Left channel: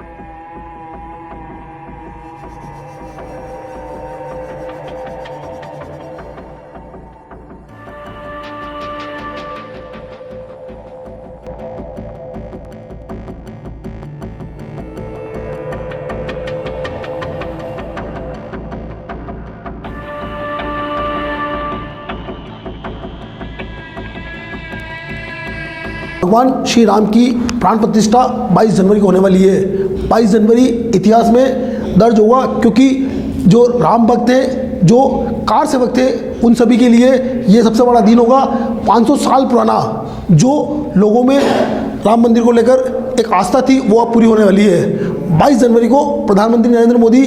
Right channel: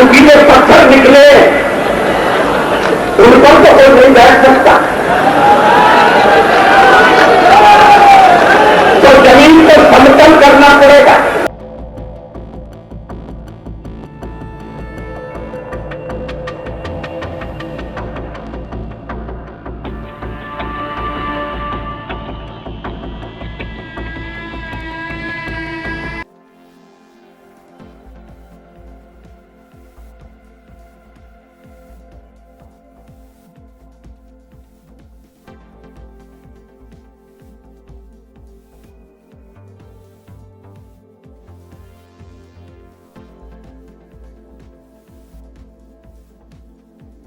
झांकी के पत्थर निकले, उन पर तो कोई नहीं बैठ सकता। तो जमीन को समतल करना पड़ेगा। भगवान श्री राम की प्राण प्रतिष्ठा 22 जनवरी को होने वाली है। 22 जनवरी इतिहास में दर्ज हुआ, क्योंकि जो राम भक्त थे, जो कार सेवक थे, उन सभी के लिए ये सबसे बड़ा दिन होगा। 500 साल पुराना जो लोगों में राम मंदिर को लेकर एक आस्था थी, वो अब पूरी होने वाली है। 22 जनवरी को प्रधानमंत्री नरेंद्र मोदी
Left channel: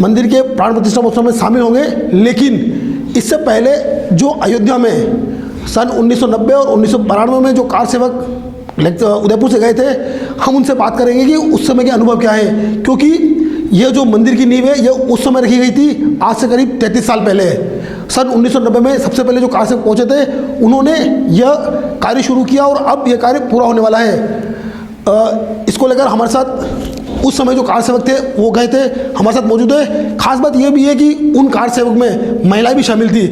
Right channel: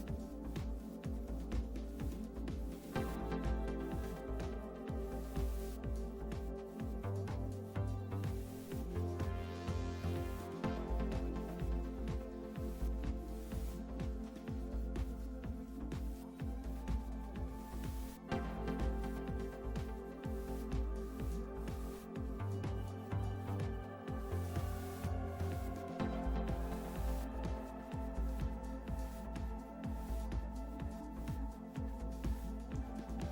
मंदिर के प्राण प्रतिष्ठा महोत्सव में शामिल होंगे, लेकिन इससे पहले जो अयोध्या में सन 1990 और 1992 में जो कार सेवक उदयपुर से गए थे, हम उनसे बात करेंगे कि उस समय के अनुभव क्या है, क्योंकि यह जो मंदिर की नींव है ये उस समय रखी गई थी, आज से करीब 33 साल पहले। सन 1990 में सबसे पहले जो कार सेवक पहुँचे थे, उन्होंने यह कार्य शुरू किया और अब यह कार्य पूरा होने वाला है। इसको लेकर हमारे साथ उस समय जो कार सेवक थे वो गए थे, हमारे साथ मौजूद है। खास बात यह भी है कि उन कार सेवक में महिलाएं भी शामिल थी,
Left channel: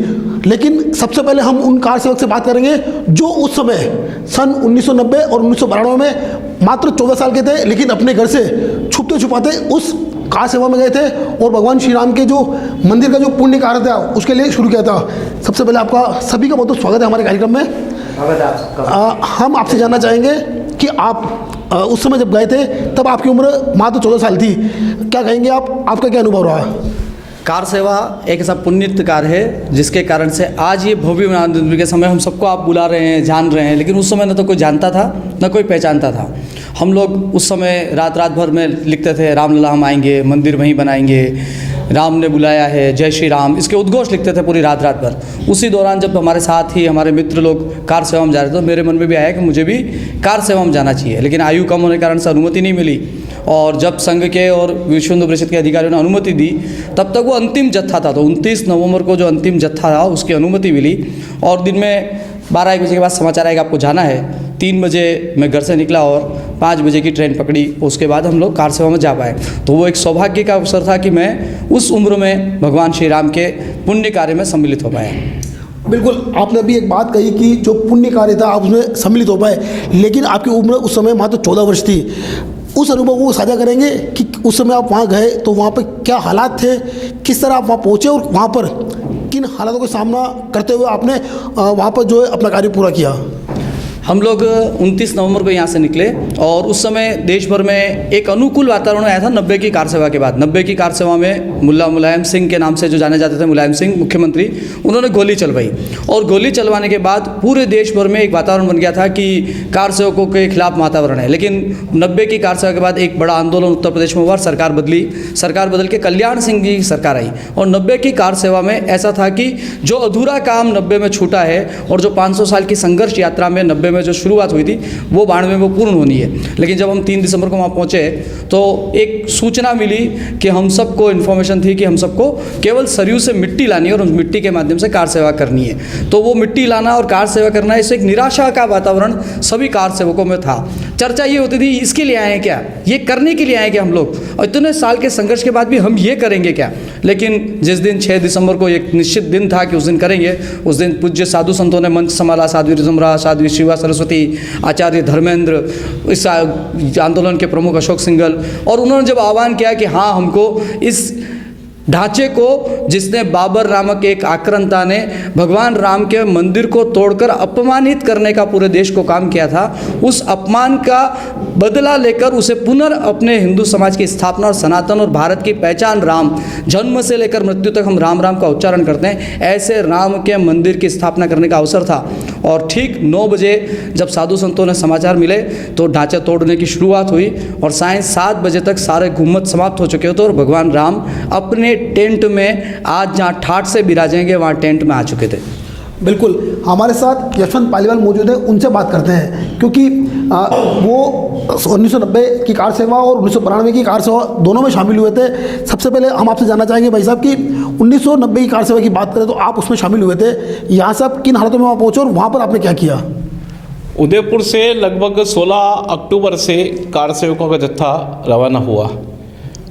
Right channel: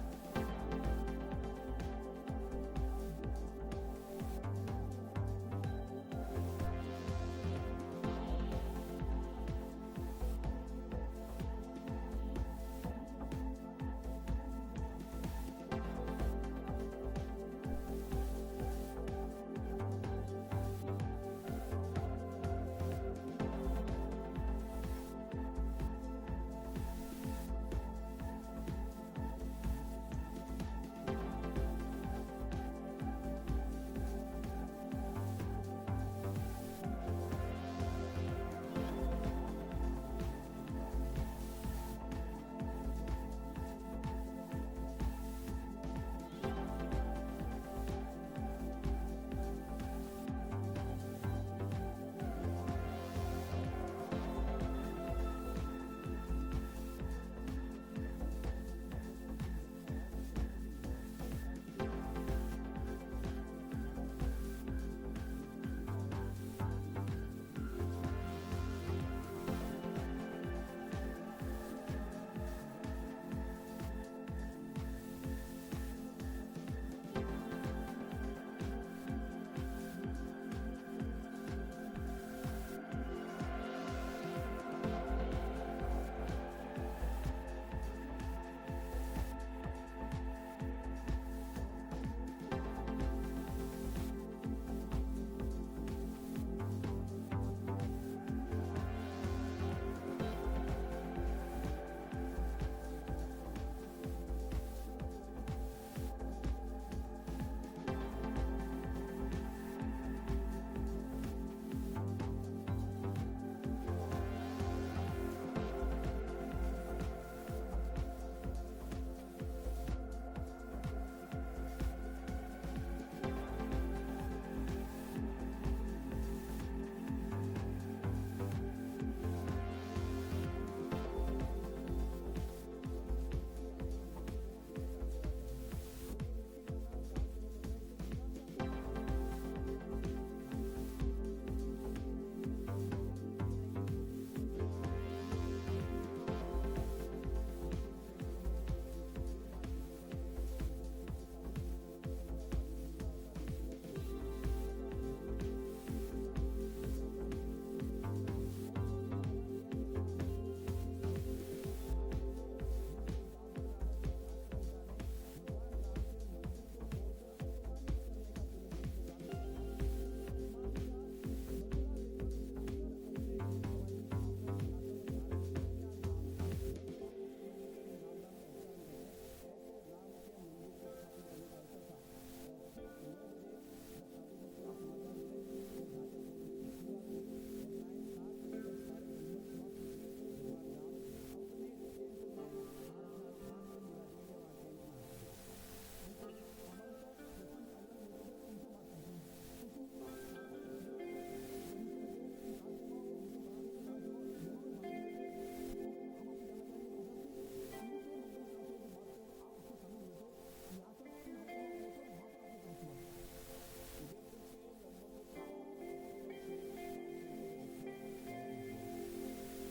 लेकिन सबसे पहले हम उन कार सेवक से बात करेंगे जो उस समय सन 1990 और 1992 में मात्र 14 साल के थे, लेकिन अपने घर से छुपते छुपाते उस कार सेवा में गए थे और भगवान श्री राम के जो मंदिर का जो पुण्य कार्य था उसके लिए शुरू किया था। सबसे पहले आपका सभी का बहुत बहुत स्वागत है हमारे कार्यक्रम में। हम आपसे जानना चाहेंगे कि आप उस समय जब गए थे तब आपकी उम्र मात्र 14 साल थी, क्या कहेंगे आप, आपका क्या अनुभव रहा? कार सेवा एक ऐसा पुण्यित कार्य है जिसके कारण से आज ये भव्य आनंद के समय हम सबको आप बुला रहे हैं, जान रहे हैं, लेकिन उस समय न तो कोई जानता था न कोई पहचानता था। हम लोग उस समय रात भर में लिखते थे, रामलला हम आएंगे, मंदिर वहीं बनाएंगे, राम ने बुलाया है, जय श्री राम, इसके उद्घोष लिखते थे पूरी रात भर। उसी दौरान जब हमारे साथ ही हमारे मित्र लोग कार सेवा में जा रहे थे, तो मेरे मन में भी आया कि मुझे भी कार सेवा में जाना चाहिए, लेकिन आयु कम होने के कारण से अनुमति नहीं मिली। और जब संघ के और विश्व हिंदू परिषद के अधिकारियों ने अनुमति दी, तब तक वो अंतिम जत्था था, तो 29 नवंबर को जो अंतिम जत्था था उसकी अनुमति मिली। और दिन में 12-1 बजे के बाद समाचार आएगा आपको जाना है। 3 बजे मैं घर से निकला और 5 बजे की ट्रेन पकड़ी, उसके बाद हम लोग कार सेवा में जा पाए। तो वो एक सौभाग्य का अवसर था कि मैं उस उम्र में भगवान श्री राम के पुण्य कार्य में सम्मिलित हो पाया। बिल्कुल, आपने अभी एक बात कही कि जो पुण्य कार्य था आप उसमें सम्मिलित हो पाए, लेकिन आपकी उम्र उस समय मात्र 14 वर्ष थी। उस अनुभव को साझा करेंगे कि उस समय आप वहाँ गए तो वहाँ पर क्या हालात थे, किस तरह आप वहाँ पहुँचे और वहाँ पर किन हालातों का सामना करते हुए आपने वहाँ पर जो है अपना कार्य पूरा किया? हम लोग 29 नवंबर को यहाँ से निकले और उस समय देश भर में एक अनुकूल वातावरण आया था 90 की कार सेवा के बाद। 90 की कार सेवा में मुलायम सिंह के नाम से जो जाने जाते थे, मुलायम सिंह मुख्यमंत्री, उन्होंने गोली चलवाई और गोली चलवाने के बाद पूरे देश भर में एक वातावरण बन गया था कि कार सेवकों के खिलाफ वातावरण है। लेकिन 90 की कार सेवा के बाद एक बड़ा आंदोलन उत्तर प्रदेश में हुआ, सरकार बदली, सरकार बदल के कल्याण सिंह की सरकार आई और 90 की कार सेवा में ऐसा था कि जो अधूरा काम 90 में छूटा है और जो 500 साल की संघर्ष यात्रा में 90 में जो शुरुआत हुई थी वो 92 में वो पूर्ण होनी है। लेकिन जब हम 3 दिसंबर को वहाँ पहुँचे तो एक सूचना मिली कि हम सबको इन्फॉर्मेशन थी कि हम सबको केवल सरयू से मिट्टी लानी है और उस मिट्टी के माध्यम से कार सेवा करनी है। तो वो मिट्टी लाना और कार सेवा करना, इससे एक निराशा का वातावरण सभी कार सेवकों में था। चर्चा ये होती थी इसके लिए आए हैं क्या, ये करने के लिए आए हैं क्या हम लोग, और इतने साल के संघर्ष के बाद भी हम ये करेंगे क्या। लेकिन जिस दिन 6 दिसंबर को एक निश्चित दिन था कि उस दिन करेंगे, उस दिन पूज्य साधु संतों ने मंच संभाला, साध्वी ऋतुम्बरा, साध्वी शिवा सरस्वती, आचार्य धर्मेंद्र, इस आंदोलन के प्रमुख अशोक सिंघल, और उन्होंने जब आह्वान किया कि हाँ हमको इस ढांचे को जिसने बाबर नामक एक आक्रांता ने भगवान राम के मंदिर को तोड़कर अपमानित करने का पूरे देश को काम किया था, उस अपमान का बदला लेकर उसे पुनः अपने हिंदू समाज की स्थापना और सनातन और भारत की पहचान राम, जन्म से लेकर मृत्यु तक हम राम राम का उच्चारण करते हैं, ऐसे राम के मंदिर की स्थापना करने का अवसर था। और ठीक 9 बजे जब साधु संतों ने समाचार मिले तो ढांचा तोड़ने की शुरुआत हुई और सायं 7 बजे तक सारे घुम्मत समाप्त हो चुके होते और भगवान राम अपने टेंट में आज जहाँ ठाठ से विराजेंगे वहाँ टेंट में आ चुके थे। बिल्कुल, हमारे साथ यशवंत पालीवाल मौजूद है, उनसे बात करते हैं, क्योंकि वो 1990 की कार सेवा और 1992 की कार सेवा दोनों में शामिल हुए थे। सबसे पहले हम आपसे जानना चाहेंगे भाई साहब कि 1990 की कार सेवा की बात करें तो आप उसमें शामिल हुए थे, यहाँ से आप किन हालतों में वहाँ पहुँचे और वहाँ पर आपने क्या किया? उदयपुर से लगभग 16 अक्टूबर से कार सेवकों का जत्था रवाना हुआ।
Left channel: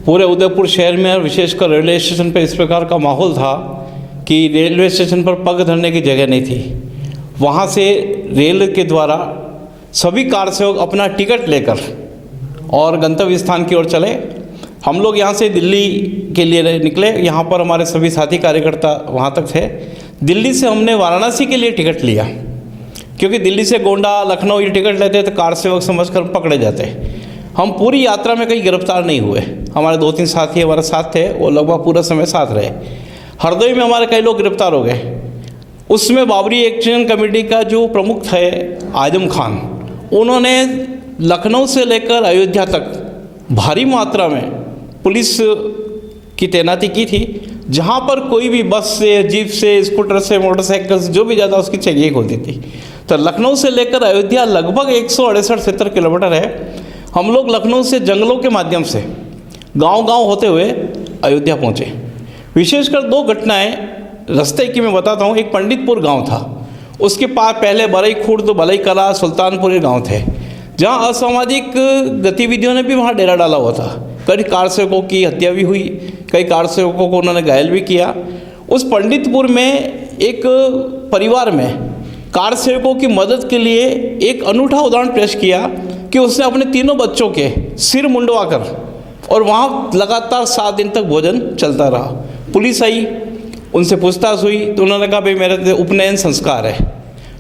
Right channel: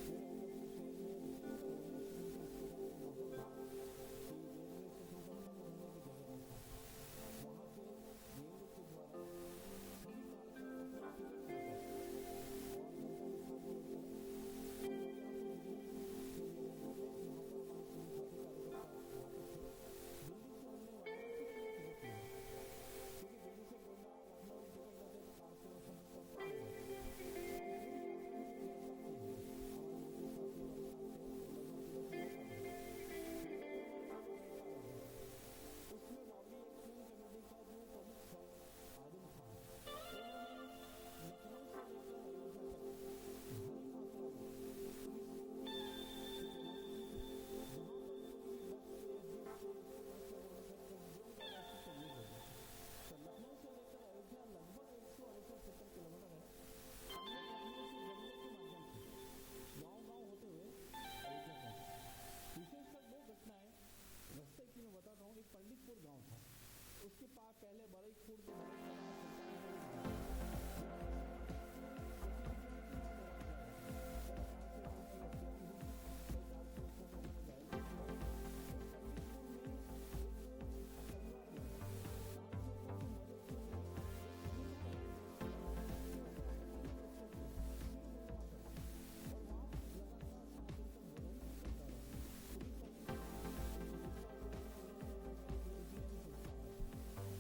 पूरे उदयपुर शहर में और विशेषकर रेलवे स्टेशन पर इस प्रकार का माहौल था कि रेलवे स्टेशन पर पग धरने की जगह नहीं थी। वहाँ से रेल के द्वारा सभी कार सेवक अपना टिकट लेकर और गंतव्य स्थान की ओर चले। हम लोग यहाँ से दिल्ली के लिए निकले। यहाँ पर हमारे सभी साथी कार्यकर्ता वहाँ तक थे। दिल्ली से हमने वाराणसी के लिए टिकट लिया, क्योंकि दिल्ली से गोंडा, लखनऊ ये टिकट लेते तो कार सेवक समझकर पकड़े जाते। हम पूरी यात्रा में कहीं गिरफ्तार नहीं हुए। हमारे 2-3 साथी हमारे साथ थे, वो लगभग पूरा समय साथ रहे। हरदोई में हमारे कई लोग गिरफ्तार हो गए। उसमें बाबरी एक्शन कमेटी का जो प्रमुख थे आजम खान, उन्होंने लखनऊ से लेकर अयोध्या तक भारी मात्रा में पुलिस की तैनाती की थी। जहाँ पर कोई भी बस से, जीप से, स्कूटर से, मोटरसाइकिल से जो भी ज़्यादा उसकी चेकिंग होती थी। तो लखनऊ से लेकर अयोध्या लगभग 168-70 किलोमीटर है। हम लोग लखनऊ से जंगलों के माध्यम से गांव-गांव होते हुए अयोध्या पहुँचे। विशेषकर 2 घटनाएं रास्ते की मैं बताता हूँ। एक पंडितपुर गांव था, उसके पास पहले बरई खुर्द, बलई कला, सुल्तानपुर ये गाँव थे, जहाँ असामाजिक गतिविधियों ने भी वहाँ डेरा डाला हुआ था। कई कार सेवकों की हत्या भी हुई, कई कार सेवकों को उन्होंने घायल भी किया। उस पंडितपुर में एक परिवार में कार सेवकों की मदद के लिए एक अनूठा उदाहरण पेश किया कि उसने अपने 3 बच्चों के सिर मुंडवाकर, और वहाँ लगातार 7 दिन तक भोजन चलता रहा। पुलिस आई, उनसे पूछताछ हुई तो उन्होंने कहा भाई मेरे उपनयन संस्कार है।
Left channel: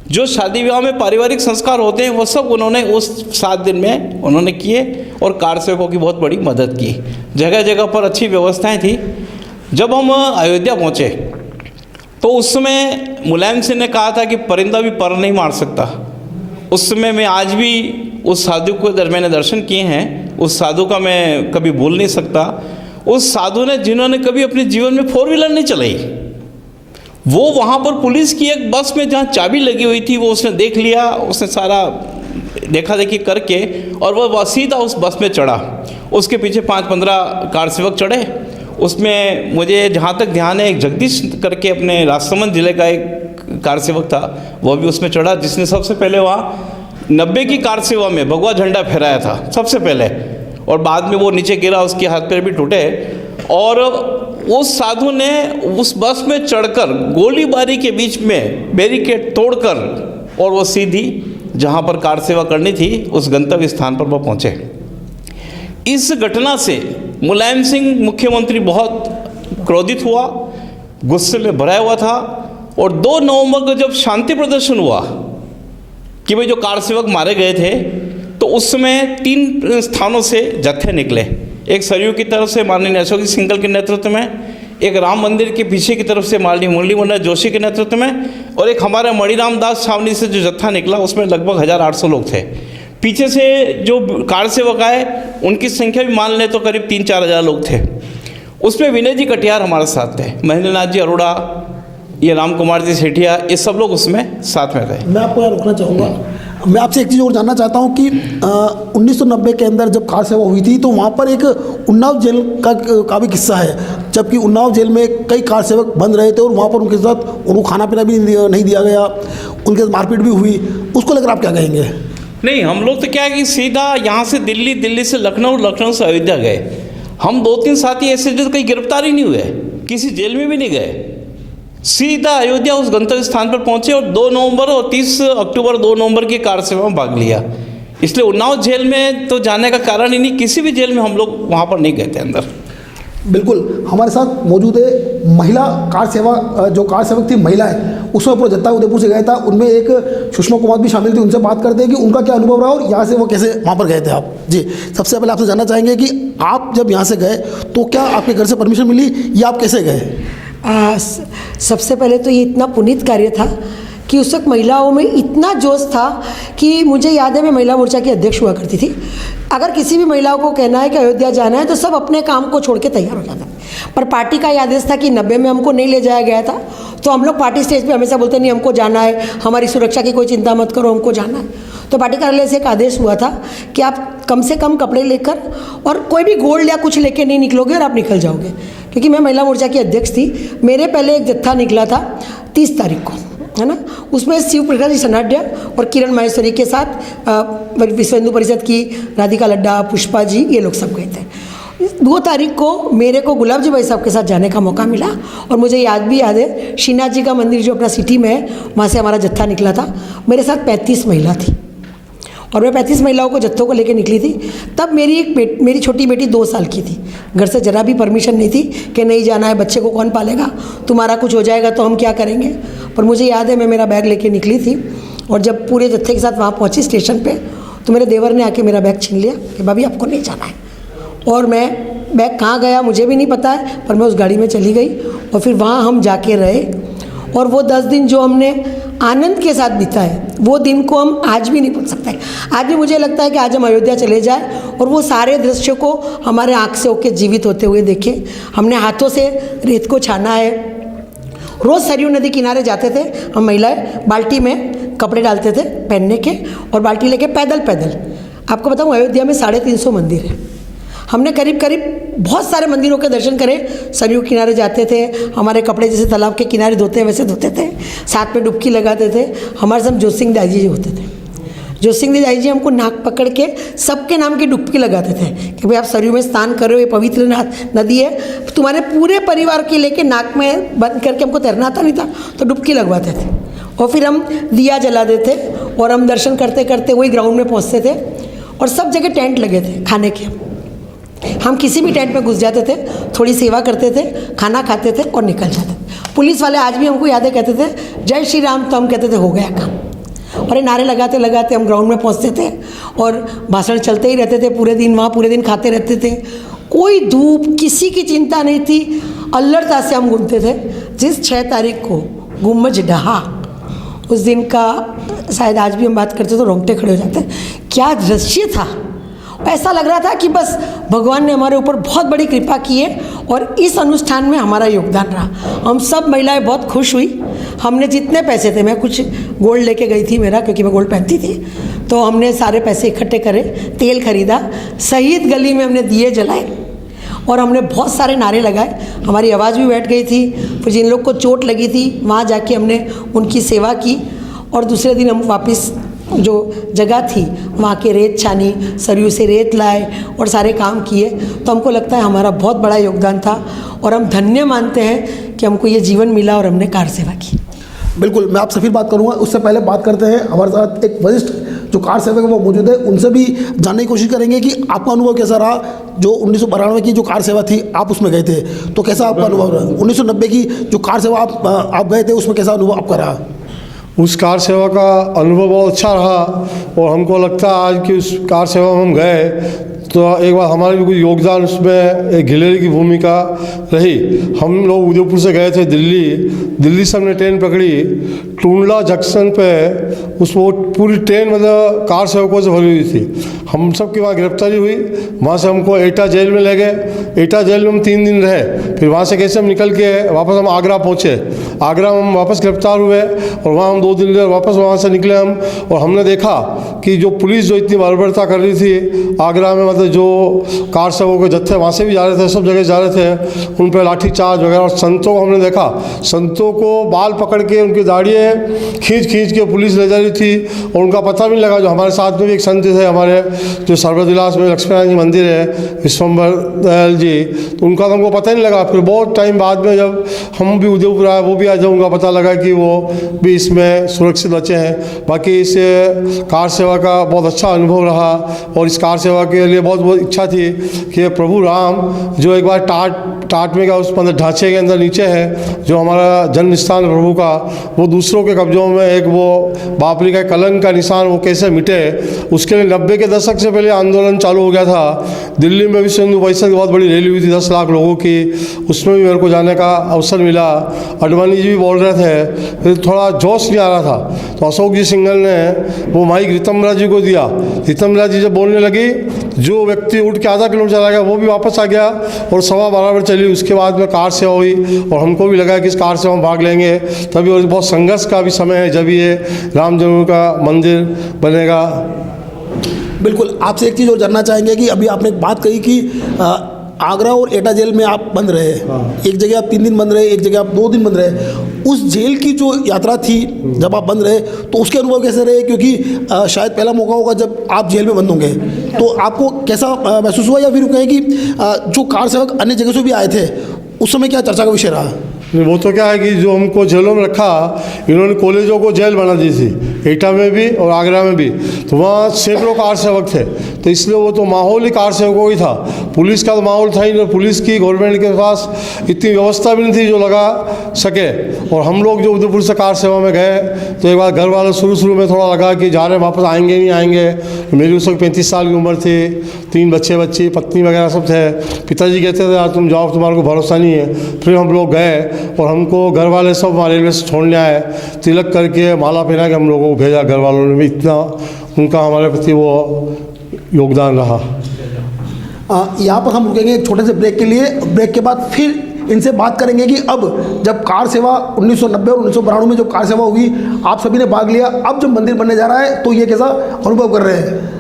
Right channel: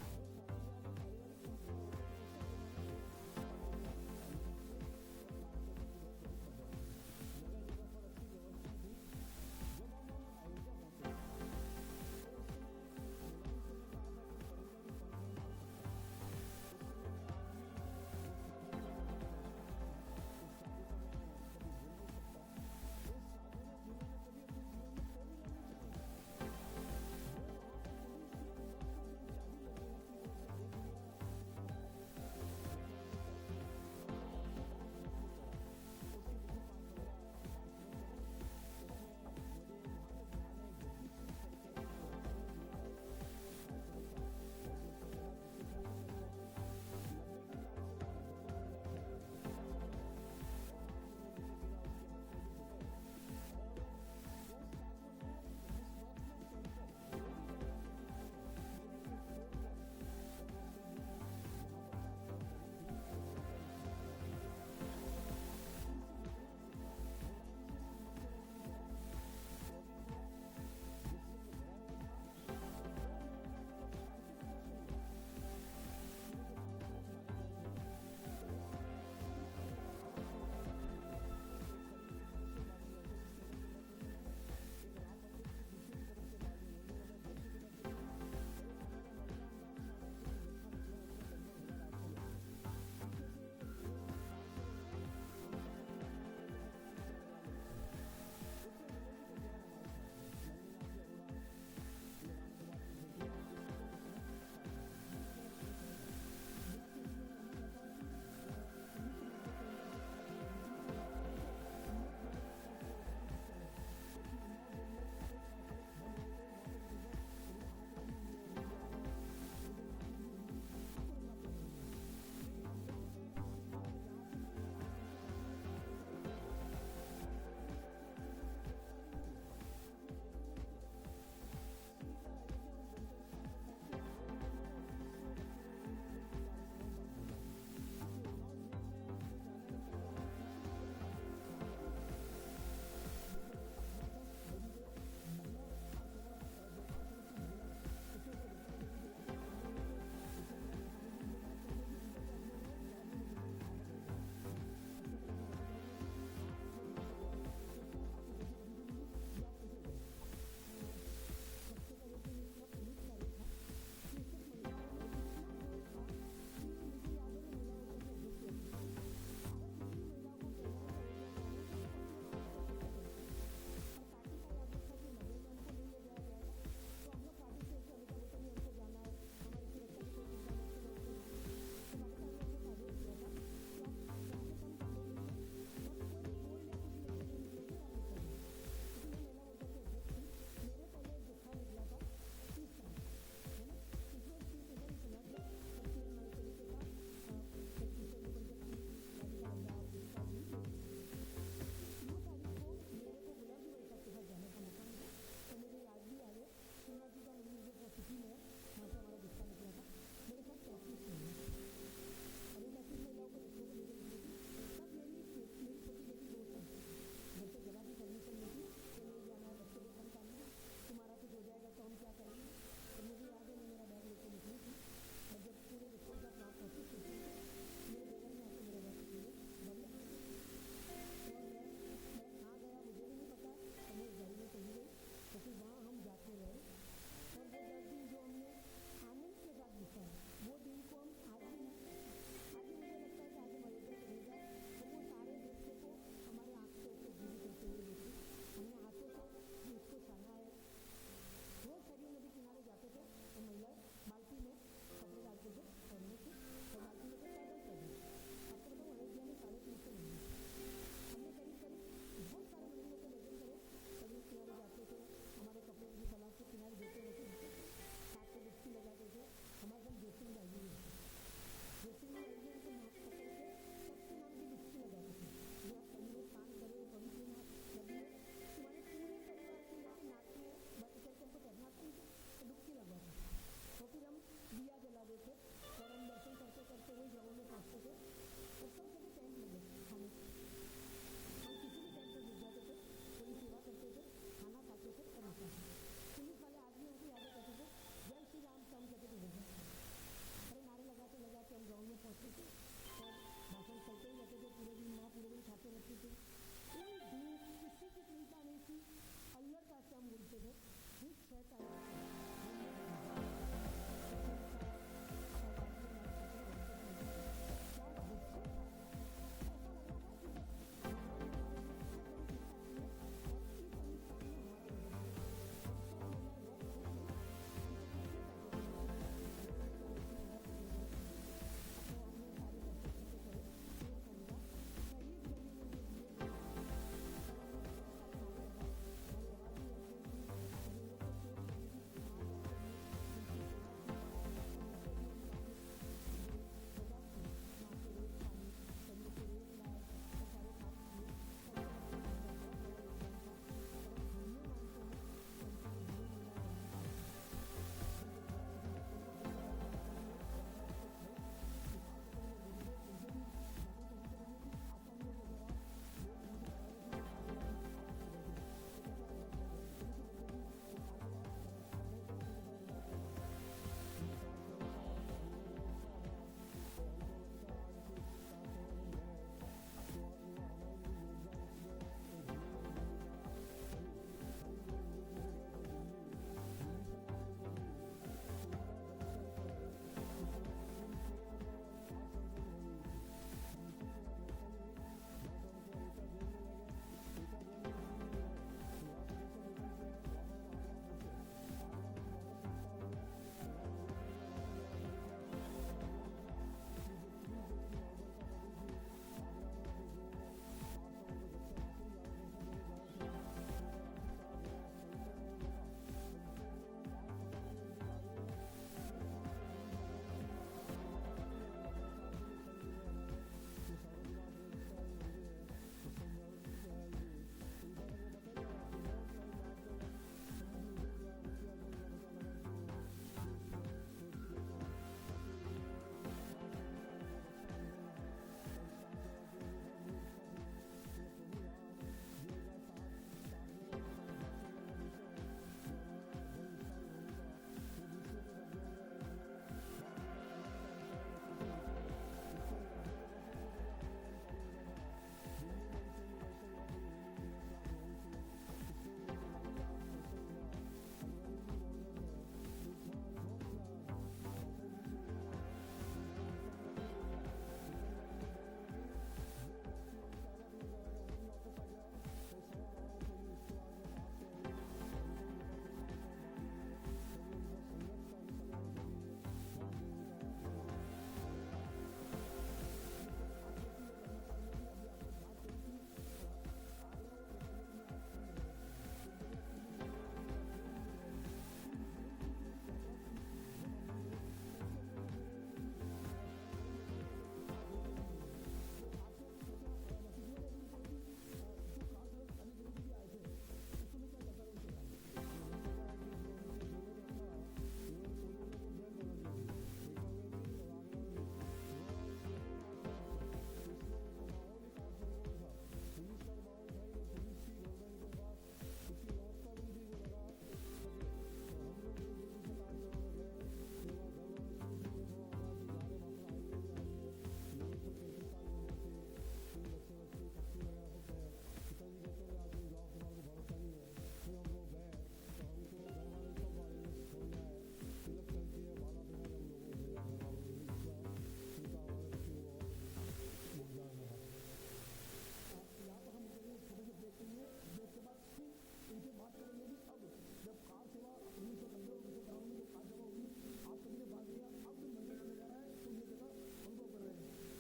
जो शादी विवाह में पारिवारिक संस्कार होते हैं वो सब उन्होंने उस 7 दिन में उन्होंने किए और कार सेवकों की बहुत बड़ी मदद की। जगह जगह पर अच्छी व्यवस्थाएं थी। जब हम अयोध्या पहुँचे तो उस समय मुलायम सिंह ने कहा था कि परिंदा भी पर नहीं मार सकता। उस समय मैं आज भी उस साधु को मैंने दर्शन किए हैं, उस साधु का मैं कभी भूल नहीं सकता। उस साधु ने, जिन्होंने कभी अपने जीवन में 4 व्हीलर नहीं चलाई, वो वहाँ पर पुलिस की एक बस में जहाँ चाबी लगी हुई थी वो उसने देख लिया। उसने सारा देखा देखी करके और वह सीधा उस बस में चढ़ा। उसके पीछे 5-15 कार सेवक चढ़े। उसमें मुझे जहाँ तक ध्यान है एक जगदीश करके अपने राजसमंद जिले का एक कार सेवक था, वह भी उसमें चढ़ा, जिसने सबसे पहले वहाँ 90 की कार सेवा में भगवा झंडा फहराया था सबसे पहले। और बाद में वो नीचे गिरा, उसके हाथ पैर भी टूटे। और उस साधु ने उस बस में चढ़कर गोलीबारी के बीच में बैरिकेड तोड़कर और वो सीधी जहाँ पर कार सेवा करनी थी उस गंतव्य स्थान पर वो पहुँचे। इस घटना से मुलायम सिंह मुख्यमंत्री बहुत क्रोधित हुआ, गुस्से में भरा हुआ था। और 2 नवंबर को जब शांति प्रदर्शन हुआ कि भाई जो कार सेवक मारे गए थे, तो उस समय 3 स्थानों से जत्थे निकले। एक सरयू की तरफ से माननीय अशोक सिंघल के नेतृत्व में, एक राम मंदिर के पीछे की तरफ से माननीय मुरली मनोहर जोशी के नेतृत्व में, और एक हमारे मणिराम दास छावनी से जो जत्था निकला उसमें लगभग 1800 लोग थे। पीछे से जो कार सेवक आए उनकी संख्या भी मान लें तो करीब 3-4 हज़ार लोग थे। उसमें विनय जी कटियार हमारे साथ थे, महेंद्र नाथ जी अरोड़ा, ये राम कुमार जी सेठिया, ये सब लोग उसमें साथ में थे। मैं आपको यहाँ रोकना चाहूँगा। मैं आपसे एक चीज़ और जानना चाहता हूँ कि 1990 के अंदर जब कार सेवा हुई थी तो वहाँ पर एक उन्नाव जेल का भी किस्सा है, जबकि उन्नाव जेल में कई कार सेवक बंद रहे थे और वहाँ पर उनके साथ उनको खाना पीना भी नहीं दिया गया, उनके साथ मारपीट भी हुई। उसको लेकर आप क्या कहेंगे? नहीं, हम लोग तो क्या है कि सीधा यहाँ से दिल्ली, दिल्ली से लखनऊ, लखनऊ से अयोध्या गए। हम 2-3 साथी ऐसे जो कहीं गिरफ्तार ही नहीं हुए, किसी जेल में भी नहीं गए, सीधा अयोध्या उस गंतव्य स्थान पर पहुंचे और 2 नवंबर और 30 अक्टूबर 2 नवंबर की कार सेवा में भाग लिया। इसलिए उन्नाव जेल में तो जाने का कारण ही नहीं, किसी भी जेल में हम लोग वहाँ पर नहीं गए थे अंदर। बिल्कुल, हमारे साथ मौजूद है महिला कार सेवा, जो कार सेवक थी महिलाएं, उसमें पूरा जत्था उदयपुर से गया था, उनमें एक सुषमा कुमार भी शामिल थी। उनसे बात करते हैं कि उनका क्या अनुभव रहा और यहाँ से वो कैसे वहाँ पर गए थे आप। जी, सबसे पहले आपसे जानना चाहेंगे कि आप जब यहाँ से गए तो क्या आपके घर से परमिशन मिली या आप कैसे गए? सबसे पहले तो ये इतना पुनीत कार्य था कि उस वक्त महिलाओं में इतना जोश था कि मुझे याद है मैं महिला मोर्चा की अध्यक्ष हुआ करती थी। अगर किसी भी महिलाओं को कहना है कि अयोध्या जाना है तो सब अपने काम को छोड़ के तैयार हो जाता है। पर पार्टी का ये आदेश था कि 90 में हमको नहीं ले जाया गया था, तो हम लोग पार्टी स्टेज पे हमेशा बोलते नहीं हमको जाना है, हमारी सुरक्षा की कोई चिंता मत करो, हमको जाना है। तो पार्टी कार्यालय से एक आदेश हुआ था कि आप कम से कम कपड़े लेकर और कोई भी गोल्ड या कुछ लेके नहीं निकलोगे और आप निकल जाओगे। क्योंकि मैं महिला मोर्चा की अध्यक्ष थी। मेरे पहले एक जत्था निकला था 30 तारीख को, है ना, उसमें शिव प्रकाश सनाड्या और किरण माहेश्वरी के साथ विश्व हिंदू परिषद की राधिका लड्डा, पुष्पा जी, ये लोग सब गए थे। 2 तारीख को मेरे को गुलाब जी भाई साहब के साथ जाने का मौका मिला और मुझे याद है श्रीनाथ जी का मंदिर जो अपना सिटी में है, वहाँ से हमारा जत्था निकला था। मेरे साथ 35 महिला थी और मैं 35 महिलाओं को जत्थों को लेकर निकली थी। तब मेरी छोटी बेटी 2 साल की थी। घर से जरा भी परमिशन नहीं थी कि नहीं जाना है, बच्चे को कौन पालेगा, तुम्हारा कुछ हो जाएगा तो हम क्या करेंगे। पर मुझे याद है मैं मेरा बैग लेके निकली थी और जब पूरे जत्थे के साथ वहाँ पहुँची स्टेशन पे, तो मेरे देवर ने आके मेरा बैग छीन लिया कि भाभी आपको नहीं जाना है। और मैं बैग कहाँ गया मुझे भी नहीं पता है, पर मैं उस गाड़ी में चली गई और फिर वहाँ हम जाके रहे। और वो 10 दिन जो हमने आनंद के साथ बिताए, वो दिन को हम आज भी नहीं भूल सकते। आज भी मुझे लगता है कि आज हम अयोध्या चले जाए और वो सारे दृश्य को हमारे आँख से होके जीवित होते हुए देखें। हमने हाथों से रेत को छाना है। रोज़ सरयू नदी किनारे जाते थे हम महिलाएं, बाल्टी में कपड़े डालते थे पहनने के और बाल्टी लेके पैदल पैदल। आपको बताऊँ, अयोध्या में 350 मंदिर है। हमने करीब बहुत सारे मंदिरों के दर्शन करे। सरयू किनारे जाते थे, हमारे कपड़े जैसे तालाब के किनारे धोते हैं वैसे धोते थे, साथ में डुबकी लगाते थे। हमारे साथ जोत सिंह दाई जी होते थे। जोत सिंह दाई जी हमको नाक पकड़ के सबके नाम की डुबकी लगाते थे कि भाई आप सरयू में स्नान कर रहे हो, ये पवित्र नदी है, तुम्हारे पूरे परिवार के लेके नाक में बंद करके, हमको तैरना आता नहीं था तो डुबकी लगवाते थे। और फिर हम दिया जलाते थे और हम दर्शन करते करते वही ग्राउंड में पहुँचते थे और सब जगह टेंट लगे थे खाने के। हम किसी भी टेंट में घुस जाते थे, थोड़ी सेवा करते थे, खाना खाते थे और निकल जाते थे। पुलिस वाले आज भी हमको यादें कहते थे जय श्री राम, तो हम कहते थे हो गया काम। और ये नारे लगाते लगाते हम ग्राउंड में पहुंचते थे और भाषण चलते ही रहते थे पूरे दिन। वहाँ पूरे दिन खाते रहते थे, कोई धूप किसी की चिंता नहीं थी। अल्लड़ता से हम घूमते थे। जिस 6 तारीख को गुम्बज ढहा, उस दिन का शायद आज भी हम बात करते तो रोंगटे खड़े हो जाते। क्या दृश्य था! ऐसा लग रहा था कि बस भगवान ने हमारे ऊपर बहुत बड़ी कृपा की है और इस अनुष्ठान में हमारा योगदान रहा। हम सब महिलाएं बहुत खुश हुई। हमने जितने पैसे थे, मैं कुछ गोल्ड लेके गई थी मेरा, क्योंकि मैं गोल्ड पहनती थी, तो हमने सारे पैसे इकट्ठे करे, तेल खरीदा, शहीद गली में हमने दिए जलाए और हमने बहुत सारे नारे लगाए। हमारी आवाज़ भी बैठ गई थी। फिर जिन लोग को चोट लगी थी वहाँ जाके हमने उनकी सेवा की और दूसरे दिन हम वापस जो जगह थी वहाँ के रेत छानी, सरयू से रेत लाए और सारे काम किए। तो हमको लगता है हमारा बहुत बड़ा योगदान था और हम धन्य मानते हैं कि हमको ये जीवन मिला और हमने कार सेवा की। बिल्कुल, मैं आपसे फिर बात करूंगा। उससे पहले बात करते हैं, हमारे साथ एक वरिष्ठ जो कार सेवक है वो मौजूद है, उनसे भी जानने की कोशिश करेंगे कि आपका अनुभव कैसा रहा। जो 1992 की जो कार सेवा थी आप उसमें गए थे, तो कैसा आपका अनुभव रहा? 1990 की जो कार सेवा आप गए थे उसमें कैसा अनुभव आपका रहा? उस कार सेवा का अनुभव बहुत अच्छा रहा और हमको लगता है आज की उस कार सेवा में हम गए तो एक बार हमारा भी कुछ योगदान उसमें एक गिलेरी की भूमिका रही। हम लोग उदयपुर से गए थे दिल्ली से हमने ट्रेन पकड़ी। टूंडला जंक्शन पे उसको पूरी ट्रेन मतलब कार सेवकों से भरी हुई थी। हम सब की वहाँ गिरफ्तारी हुई। वहाँ से हमको एटा जेल में ले गए। एटा जेल में हम 3 दिन रहे। फिर वहाँ से कैसे हम निकल के वापस हम आगरा पहुँचे। आगरा में हम वापस गिरफ्तार हुए और वहाँ हम 2 दिन रहे। वापस वहाँ से निकले हम और हमने देखा कि जो पुलिस जो इतनी बर्बरता कर रही थी आगरा में, मतलब जो कार सेवकों के जत्थे वहाँ से भी जा रहे थे, सब जगह जा रहे थे, उन पर लाठीचार्ज वगैरह। और संतों को हमने देखा, संतों को बाल पकड़ के उनकी दाढ़ियाँ खींच के पुलिस ले जा रही थी और उनका पता भी नहीं लगा। जो हमारे साथ में भी एक संत थे हमारे, जो सर्वदिलास में लक्ष्मीनारायण जी मंदिर है, विश्वम्भर दयाल जी, तो उनका तो हमको पता ही नहीं लगा। फिर बहुत टाइम बाद में जब हम भी उदयपुर आए, वो भी आज उनका पता लगा कि वो भी इसमें सुरक्षित बचे हैं। बाकी इस कार सेवा का बहुत अच्छा अनुभव रहा और इस कार सेवा के लिए बहुत इच्छा थी कि प्रभु राम जो एक बार टाट में का उस मतलब ढांचे के अंदर नीचे है, जो हमारा जन्म स्थान प्रभु का, वो दूसरों के कब्जों में एक वो बापरी का कलंक का निशान वो कैसे मिटे, उसके लिए 90 के दशक से पहले आंदोलन चालू हो गया था। दिल्ली में विश्व हिंदू परिषद की बहुत बड़ी रैली हुई थी 10 लाख लोगों की, उसमें भी मेरे को जाने का अवसर मिला। अडवाणी जी भी बोल रहे थे, फिर थोड़ा जोश नहीं आ रहा था तो अशोक जी सिंघल ने वो माइक रीतमरा जी को दिया। रीतमरा जी जब बोलने लगी, जो व्यक्ति उठ के आधा किलोमीटर चला गया वो भी वापस आ गया और 12:15 बजे चली। उसके बाद में कार सेवा हुई और हमको भी लगा कि इस कार सेवा में भाग लेंगे तभी। और बहुत संघर्ष का भी समय है जब ये राम जन्म का मंदिर बनेगा। बिल्कुल, आपसे एक चीज़ और जानना चाहेंगे कि अभी आपने एक बात कही कि आगरा और एटा जेल में आप बंद रहे। एक जगह आप 3 दिन बंद रहे, एक जगह आप 2 दिन बंद रहे। उस जेल की जो यात्रा थी जब आप बंद रहे तो उसके अनुभव कैसे रहे, क्योंकि शायद पहला मौका होगा जब आप जेल में बंद होंगे, तो आपको कैसा महसूस हुआ, या फिर कहें कि जो कार सेवक अन्य जगह से भी आए थे उस समय क्या चर्चा का विषय रहा? वो तो क्या है कि जो हमको जेलों में रखा, इन्होंने कॉलेजों को जेल बना दी थी, एटा में भी और आगरा में भी, तो वहाँ सैकड़ों कार सेवक थे, तो इसलिए वो तो माहौल ही कार सेवकों ही था। पुलिस का तो माहौल था ही नहीं, पुलिस की गवर्नमेंट के पास इतनी व्यवस्था भी नहीं थी जो लगा सके। और हम लोग जो उदयपुर से कार सेवा में गए तो एक बार घर वाले शुरू में थोड़ा लगा कि जा रहे वापस आएंगे नहीं आएंगे। मेरी उस वक्त 35 साल की उम्र थी, 3 बच्ची पत्नी वगैरह सब थे। पिताजी कहते थे यार तुम जाओ, तुम्हारे को भरोसा नहीं है। फिर हम लोग गए और हमको घर वाले सब रेलवे से छोड़ने आए, तिलक करके माला पहना के हम लोगों को भेजा। घर वालों ने भी इतना उनका हमारे प्रति वो योगदान रहा। यहाँ पर हम रुकेंगे एक छोटे से ब्रेक के लिए। ब्रेक के बाद फिर इनसे बात करेंगे कि अब जब कार सेवा 1990 और 1992 में जो कार सेवा हुई, आप सभी ने भाग लिया, अब जब मंदिर बनने जा रहा है तो ये कैसा अनुभव कर रहे हैं।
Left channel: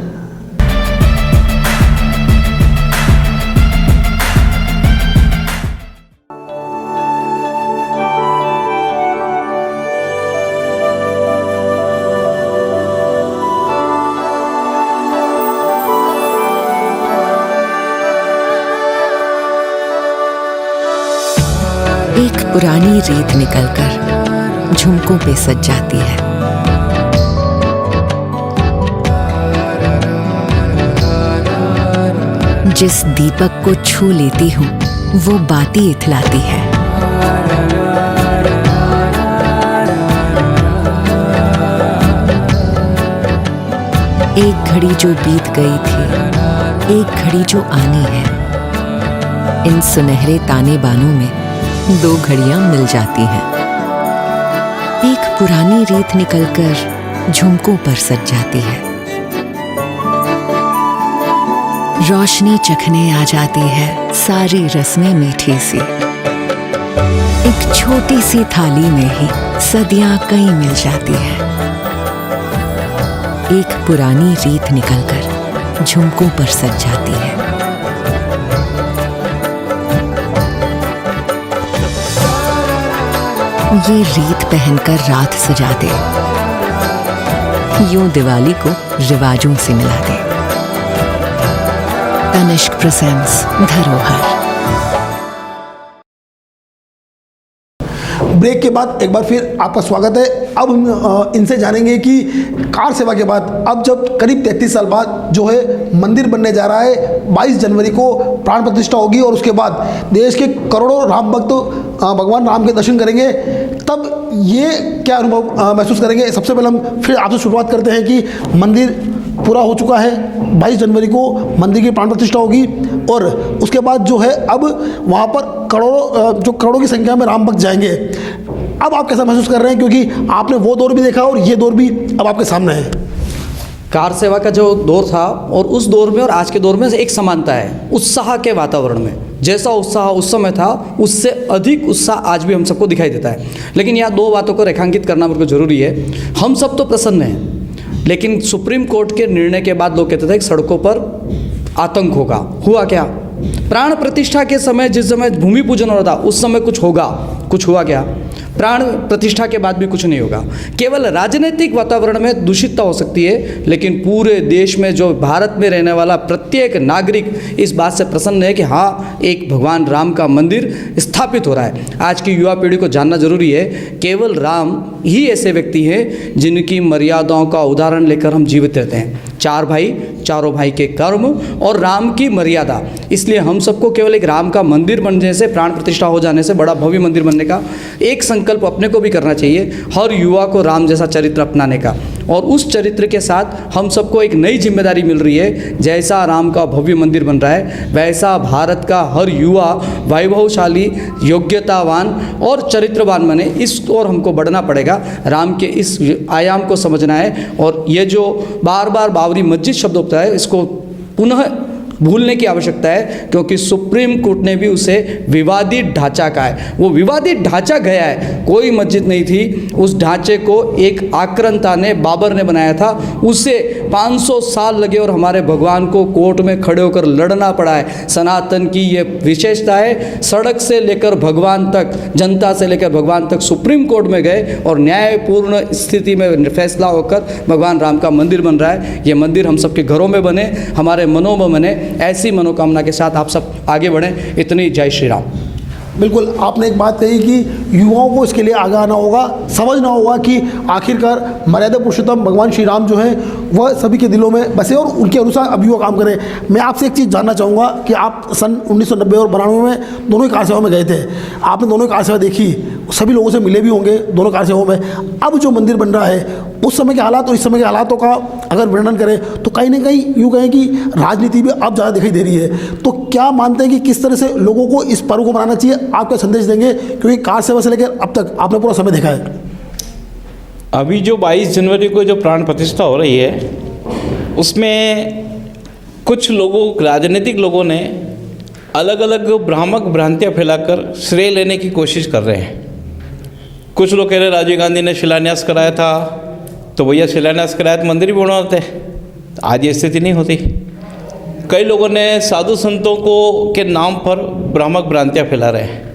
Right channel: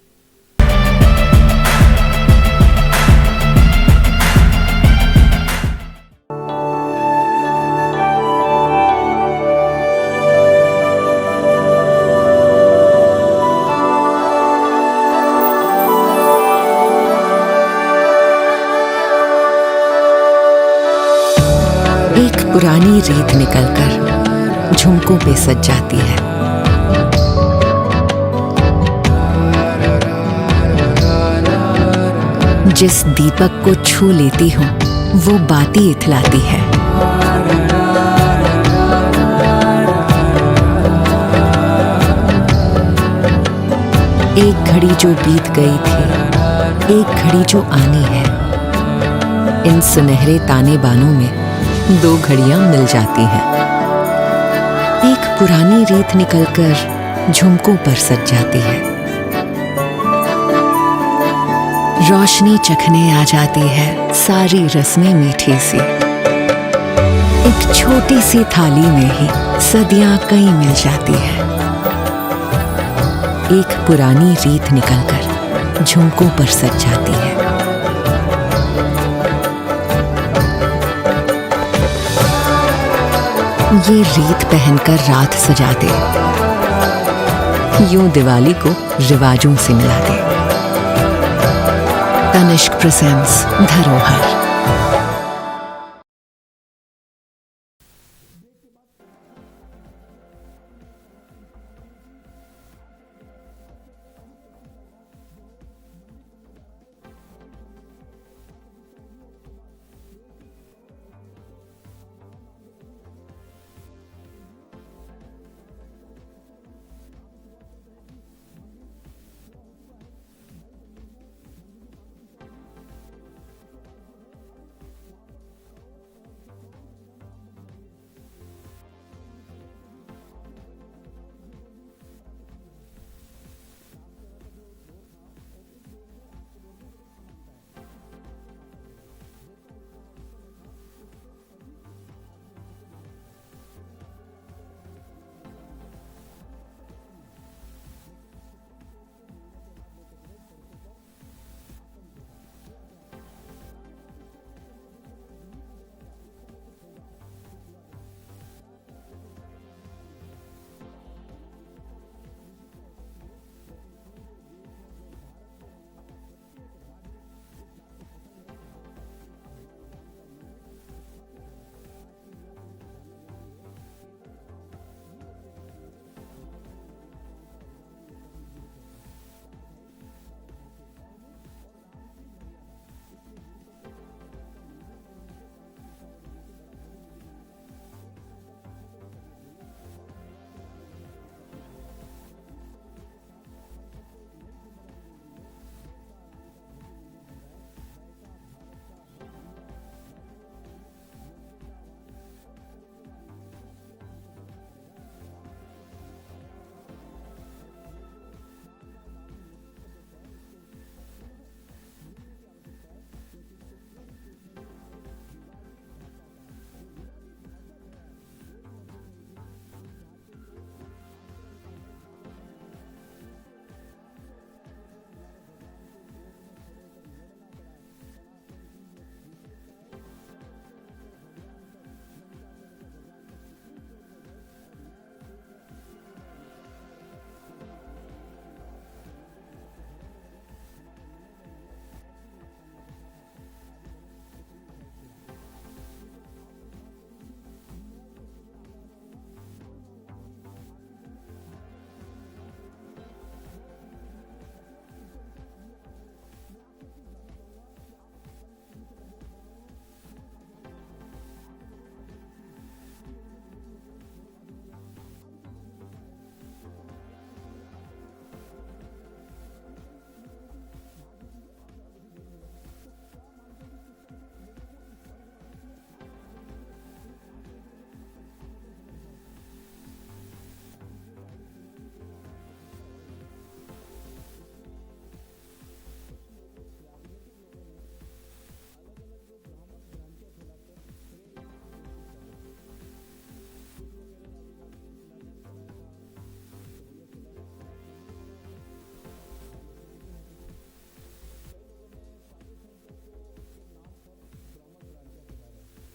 एक पुरानी रीत निकलकर झुमकों पे सज जाती है। जिस दीपक को छू लेती हूँ वो बाती इथलाती है। एक घड़ी जो बीत गई थी, एक घड़ी जो आनी है, इन सुनहरे ताने बानों में 2 घड़ियां मिल जाती हैं। एक पुरानी रीत निकलकर झुमकों पर सज जाती है। रोशनी चखने आ जाती है सारी रस्में मीठी सी। एक छोटी सी थाली में ही सदियां कई मिल जाती है। एक पुरानी रीत निकलकर झुमकों पर सज जाती है। ये रीत पहनकर रात सजा दे, यूं दिवाली को रिवाजों से मिला दे। तनिष्क प्रेजेंट्स धरोहर। ब्रेक के बाद एक बार फिर आपका स्वागत है। अब हम इनसे जानेंगे कि कार सेवा के बाद अब जब करीब 33 साल बाद जो है मंदिर बनने जा रहा है, 22 जनवरी को प्राण प्रतिष्ठा होगी और उसके बाद देश के करोड़ों राम भक्त भगवान राम के दर्शन करेंगे, तब ये क्या अनुभव महसूस करेंगे। सबसे पहले हम फिर आपसे शुरुआत करते हैं कि मंदिर पूरा हो चुका है, 22 जनवरी को मंदिर की प्राण प्रतिष्ठा होगी और उसके बाद जो है अब वहाँ पर करोड़ों की संख्या में राम भक्त जाएंगे। अब आप कैसा महसूस कर रहे हैं, क्योंकि आपने वो दौर भी देखा और ये दौर भी अब आपके सामने है। कार सेवा का जो दौर था और उस दौर में और आज के दौर में एक समानता है, उत्साह के वातावरण में। जैसा उत्साह उस समय था उससे अधिक उत्साह आज भी हम सबको दिखाई देता है। लेकिन यहाँ 2 बातों को रेखांकित करना मेरे को जरूरी है। हम सब तो प्रसन्न हैं, लेकिन सुप्रीम कोर्ट के निर्णय के बाद लोग कहते थे कि सड़कों पर आतंक होगा। हुआ क्या? प्राण प्रतिष्ठा के समय, जिस समय भूमि पूजन हो रहा था, उस समय कुछ होगा, कुछ हुआ क्या? प्राण प्रतिष्ठा के बाद भी कुछ नहीं होगा। केवल राजनीतिक वातावरण में दूषितता हो सकती है, लेकिन पूरे देश में जो भारत में रहने वाला प्रत्येक नागरिक इस बात से प्रसन्न है कि हाँ, एक भगवान राम का मंदिर स्थापित हो रहा है। आज की युवा पीढ़ी को जानना जरूरी है, केवल राम ही ऐसे व्यक्ति हैं जिनकी मर्यादाओं का उदाहरण लेकर हम जीवित रहते हैं। 4 भाई, चारों भाई के कर्म और राम की मर्यादा। इसलिए हम सबको केवल एक राम का मंदिर बनने से, प्राण प्रतिष्ठा हो जाने से, बड़ा भव्य मंदिर बनने का एक संकल्प अपने को भी करना चाहिए, हर युवा को राम जैसा चरित्र अपनाने का। और उस चरित्र के साथ हम सबको एक नई जिम्मेदारी मिल रही है। जैसा राम का भव्य मंदिर बन रहा है, वैसा भारत का हर युवा वैभवशाली, योग्यतावान और चरित्रवान बने। इस ओर हमको बढ़ना पड़ेगा। राम के इस आयाम को समझना है और ये जो बार बार बाबरी मस्जिद शब्द होता है, इसको पुनः भूलने की आवश्यकता है, क्योंकि सुप्रीम कोर्ट ने भी उसे विवादित ढांचा कहा है। वो विवादित ढांचा गया है, कोई मस्जिद नहीं थी। उस ढांचे को एक आक्रांता ने, बाबर ने बनाया था। उसे 500 साल लगे और हमारे भगवान को कोर्ट में खड़े होकर लड़ना पड़ा है। सनातन की ये विशेषता है, सड़क से लेकर भगवान तक, जनता से लेकर भगवान तक सुप्रीम कोर्ट में गए और न्यायपूर्ण स्थिति में फैसला होकर भगवान राम का मंदिर बन रहा है। ये मंदिर हम सबके घरों में बने, हमारे मनों में बने। ऐसी मनोकामना के साथ आप सब आगे बढ़ें। इतनी जय श्री राम। बिल्कुल, आपने एक बात कही कि युवाओं को इसके लिए आगे आना होगा, समझना होगा कि आखिरकार मर्यादा पुरुषोत्तम भगवान श्री राम जो हैं वह सभी के दिलों में बसे और उनके अनुसार अब युवा काम करें। मैं आपसे एक चीज़ जानना चाहूँगा कि आप सन 1990 और 92 में दोनों ही कार सेवा में गए थे, आपने दोनों ही कार सेवा देखी, सभी लोगों से मिले भी होंगे दोनों कार सेवाओं में। अब जो मंदिर बन रहा है उस समय के हालात और इस समय के हालातों का अगर वर्णन करें तो कहीं ना कहीं यूँ कहें कि राजनीति भी अब ज़्यादा दिखाई दे रही है। तो क्या मानते हैं कि किस तरह से लोगों को इस पर्व को मनाना चाहिए? आप क्या संदेश देंगे, क्योंकि कार सेवा से लेकर अब तक आपने पूरा समय देखा है। अभी जो 22 जनवरी को जो प्राण प्रतिष्ठा हो रही है उसमें कुछ लोगों, राजनीतिक लोगों ने अलग अलग भ्रामक भ्रांतियाँ फैलाकर श्रेय लेने की कोशिश कर रहे हैं। कुछ लोग कह रहे हैं राजीव गांधी ने शिलान्यास कराया था, तो भैया शिलान्यास कराया तो मंदिर भी बनवाते। आज ये स्थिति नहीं होती। कई लोगों ने साधु संतों को के नाम पर भ्रामक भ्रांतियाँ फैला रहे हैं।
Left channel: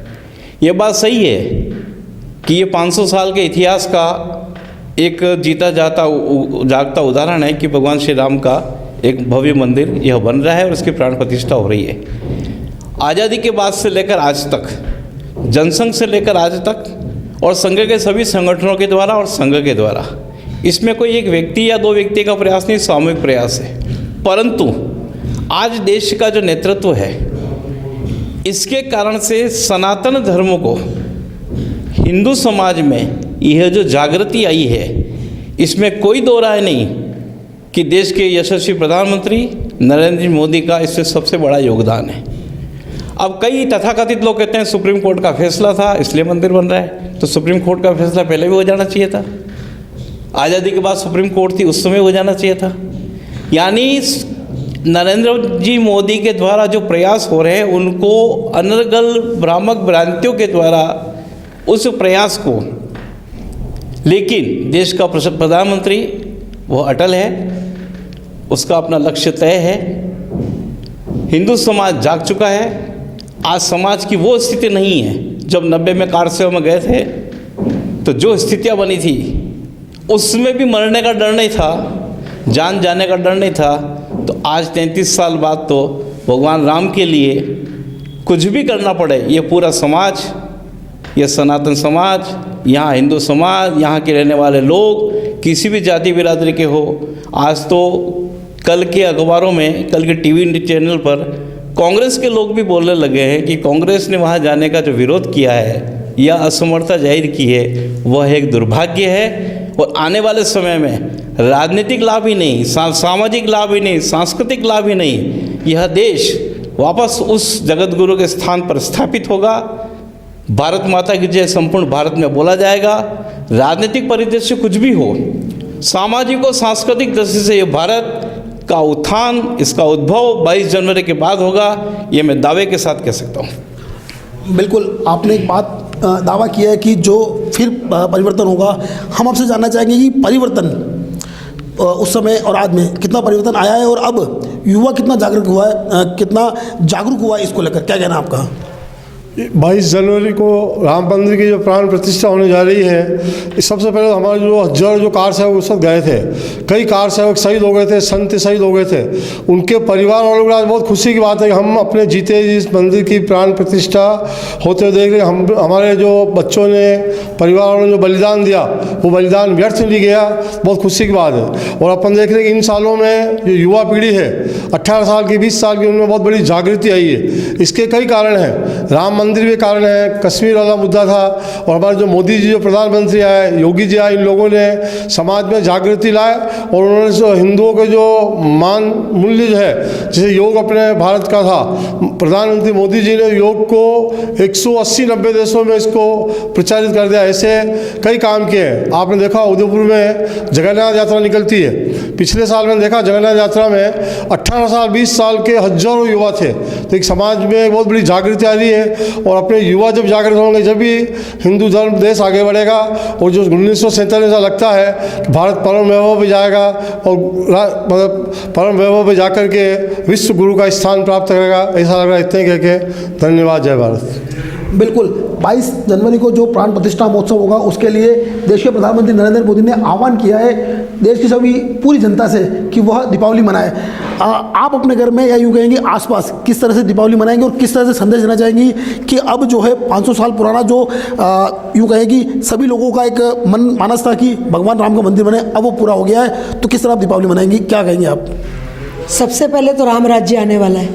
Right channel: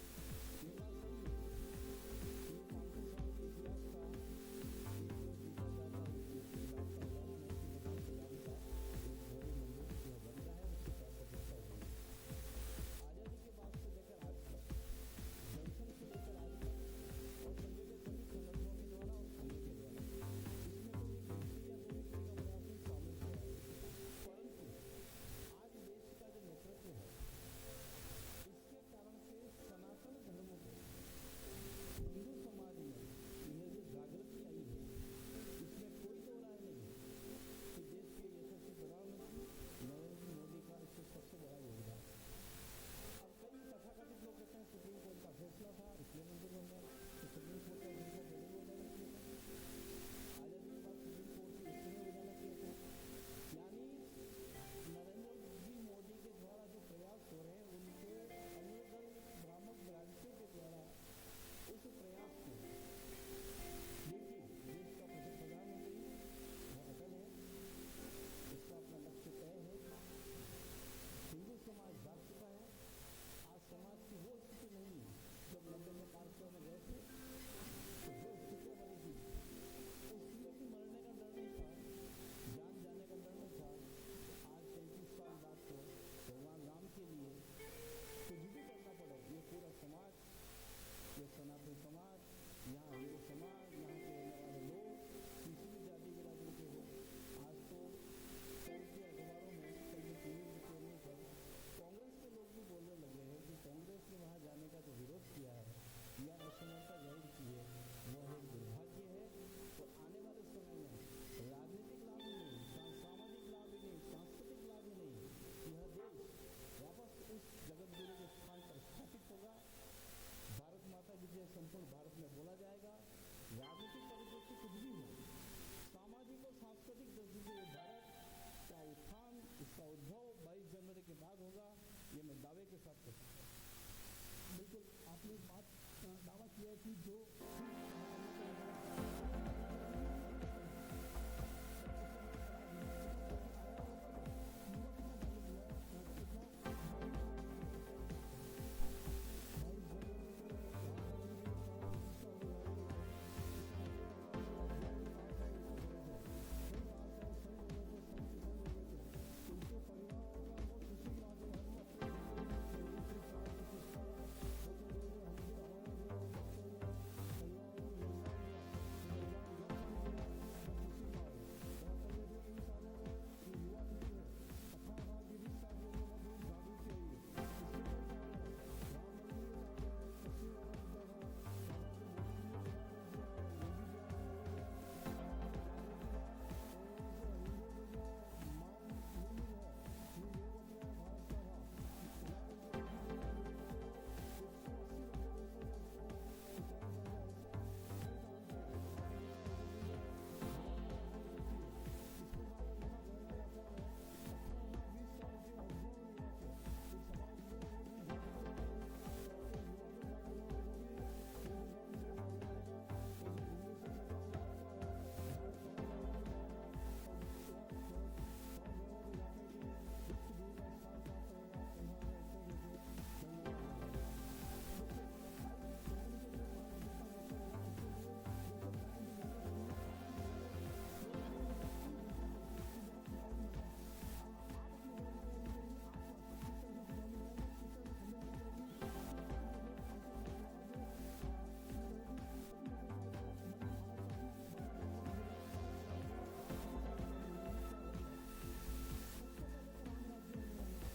ये बात सही है कि ये 500 साल के इतिहास का एक जीता जागता उदाहरण है कि भगवान श्री राम का एक भव्य मंदिर यह बन रहा है और इसकी प्राण प्रतिष्ठा हो रही है। आज़ादी के बाद से लेकर आज तक, जनसंघ से लेकर आज तक और संघ के सभी संगठनों के द्वारा और संघ के द्वारा, इसमें कोई एक व्यक्ति या दो व्यक्ति का प्रयास नहीं, सामूहिक प्रयास है। परंतु आज देश का जो नेतृत्व है, इसके कारण से सनातन धर्म को हिंदू समाज में यह जो जागृति आई है, इसमें कोई दो राय नहीं कि देश के यशस्वी प्रधानमंत्री नरेंद्र मोदी का इससे सबसे बड़ा योगदान है। अब कई तथाकथित लोग कहते हैं सुप्रीम कोर्ट का फैसला था इसलिए मंदिर बन रहा है, तो सुप्रीम कोर्ट का फैसला पहले भी हो जाना चाहिए था। आज़ादी के बाद सुप्रीम कोर्ट थी, उस समय हो जाना चाहिए था। यानी नरेंद्र जी मोदी के द्वारा जो प्रयास हो रहे हैं, उनको अनर्गल भ्रामक भ्रांतियों के द्वारा उस प्रयास को, लेकिन देश का प्रधानमंत्री वो अटल है, उसका अपना लक्ष्य तय है। हिंदू समाज जाग चुका है। आज समाज की वो स्थिति नहीं है। जब 90 में कार सेवा में गए थे तो जो स्थितियाँ बनी थी उसमें भी मरने का डर नहीं था, जान जाने का डर नहीं था। तो आज 33 साल बाद तो भगवान राम के लिए कुछ भी करना पड़े, ये पूरा समाज, ये सनातन समाज, यहाँ हिंदू समाज, यहाँ के रहने वाले लोग किसी भी जाति बिरादरी के हो, आज तो कल के अखबारों में, कल के टीवी चैनल पर कांग्रेस के लोग भी बोलने लगे हैं कि कांग्रेस ने वहाँ जाने का जो विरोध किया है या असमर्थता जाहिर की है, वह एक दुर्भाग्य है। और आने वाले समय में राजनीतिक लाभ ही नहीं, सामाजिक लाभ ही नहीं, सांस्कृतिक लाभ ही नहीं, यह देश वापस उस जगत गुरु के स्थान पर स्थापित होगा। भारत माता की जय संपूर्ण भारत में बोला जाएगा। राजनीतिक परिदृश्य कुछ भी हो, सामाजिक और सांस्कृतिक दृष्टि से ये भारत का उत्थान, इसका उद्भव 22 जनवरी के बाद होगा, ये मैं दावे के साथ कह सकता हूँ। बिल्कुल, आपने एक बात दावा किया है कि जो फिर परिवर्तन होगा। हम आपसे जानना चाहेंगे कि परिवर्तन उस समय और आज में कितना परिवर्तन आया है और अब युवा कितना जागरूक हुआ है, कितना जागरूक हुआ है इसको लेकर, क्या कहना है आपका? 22 जनवरी को राम मंदिर की जो प्राण प्रतिष्ठा होने जा रही है, सबसे पहले हमारे जो कार सेवक उस वक्त गए थे, कई कार सेवक शहीद हो गए थे, संत शहीद हो गए थे। उनके परिवार वालों को आज बहुत खुशी की बात है कि हम अपने जीते इस मंदिर की प्राण प्रतिष्ठा होते हुए देख रहे। हमारे जो बच्चों ने, परिवार वालों ने जो बलिदान दिया, वो बलिदान व्यर्थ नहीं गया, बहुत खुशी की बात है। और अपन देख रहे हैं कि इन सालों में जो युवा पीढ़ी है, 18 साल की, 20 साल की, उनमें बहुत बड़ी जागृति आई है। इसके कई कारण हैं। राम मंदिर के कारण है, कश्मीर वाला मुद्दा था, और हमारे जो मोदी जी जो प्रधानमंत्री आए, योगी जी आए, इन लोगों ने समाज में जागृति लाए और उन्होंने जो हिंदुओं के जो मान मूल्य जो है, जैसे योग अपने भारत का था, प्रधानमंत्री मोदी जी ने योग को 180-90 देशों में इसको प्रचारित कर दिया। ऐसे कई काम किए हैं। आपने देखा उदयपुर में जगन्नाथ यात्रा निकलती है। पिछले साल मैंने देखा जगन्नाथ यात्रा में 18 साल 20 साल के हजारों युवा थे। तो एक समाज में बहुत बड़ी जागृति आ रही है, और अपने युवा जब जागृत होंगे जब भी हिंदू धर्म देश आगे बढ़ेगा। और जो 1947 से लगता है कि भारत परम वैभव पे जाएगा, और मतलब परम वैभव पे जाकर के विश्व गुरु का स्थान प्राप्त करेगा, ऐसा लग रहा है। इतने कह के धन्यवाद। जय भारत। बिल्कुल 22 जनवरी को जो प्राण प्रतिष्ठा महोत्सव होगा उसके लिए देश के प्रधानमंत्री नरेंद्र मोदी ने आह्वान किया है देश की सभी पूरी जनता से कि वह दीपावली मनाए। आप अपने घर में या यूँ कहेंगे आसपास किस तरह से दीपावली मनाएंगे और किस तरह से संदेश देना चाहेंगी कि अब जो है 500 साल पुराना जो यूँ कहेगी सभी लोगों का एक मन मानस था कि भगवान राम का मंदिर बने, अब वो पूरा हो गया है, तो किस तरह आप दीपावली मनाएंगी, क्या कहेंगे आप? सबसे पहले तो राम राज्य आने वाला है,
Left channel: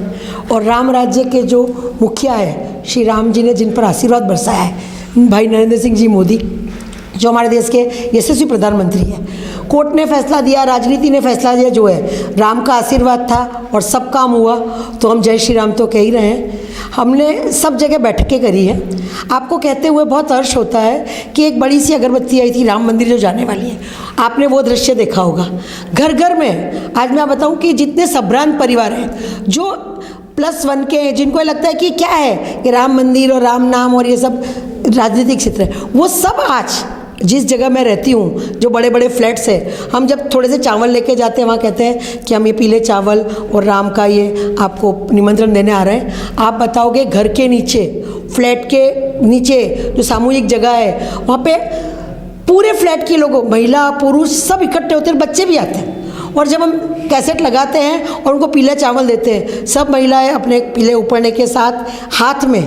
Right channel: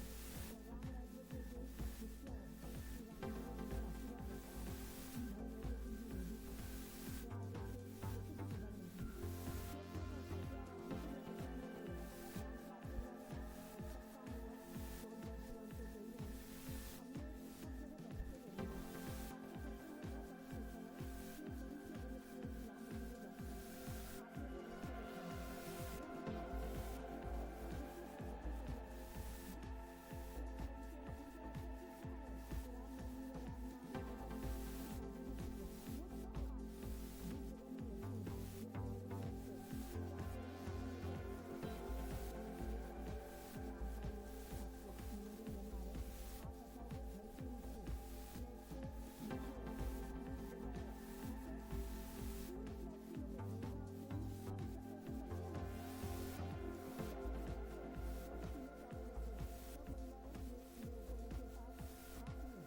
और राम राज्य के जो मुखिया है श्री राम जी ने जिन पर आशीर्वाद बरसाया है, भाई नरेंद्र सिंह जी मोदी, जो हमारे देश के यशस्वी प्रधानमंत्री हैं, कोर्ट ने फैसला दिया, राजनीति ने फैसला दिया, जो है राम का आशीर्वाद था और सब काम हुआ, तो हम जय श्री राम तो कह ही रहे हैं। हमने सब जगह बैठकें करी है। आपको कहते हुए बहुत हर्ष होता है कि एक बड़ी सी अगरबत्ती आई थी राम मंदिर जो जाने वाली है, आपने वो दृश्य देखा होगा। घर घर में आज मैं बताऊं कि जितने संभ्रांत परिवार हैं जो +1 के हैं, जिनको लगता है कि क्या है कि राम मंदिर और राम नाम और ये सब राजनीतिक क्षेत्र है, वो सब आज जिस जगह मैं रहती हूँ, जो बड़े बड़े फ्लैट्स हैं, हम जब थोड़े से चावल लेके जाते हैं वहाँ कहते हैं कि हम ये पीले चावल और राम का ये आपको निमंत्रण देने आ रहे हैं। आप बताओगे घर के नीचे, फ्लैट के नीचे जो सामूहिक जगह है, वहाँ पे पूरे फ्लैट के लोग, महिला पुरुष सब इकट्ठे होते हैं, बच्चे भी आते हैं। और जब हम कैसेट लगाते हैं और उनको पीले चावल देते हैं, सब महिलाएं अपने पीले उपरने के साथ हाथ में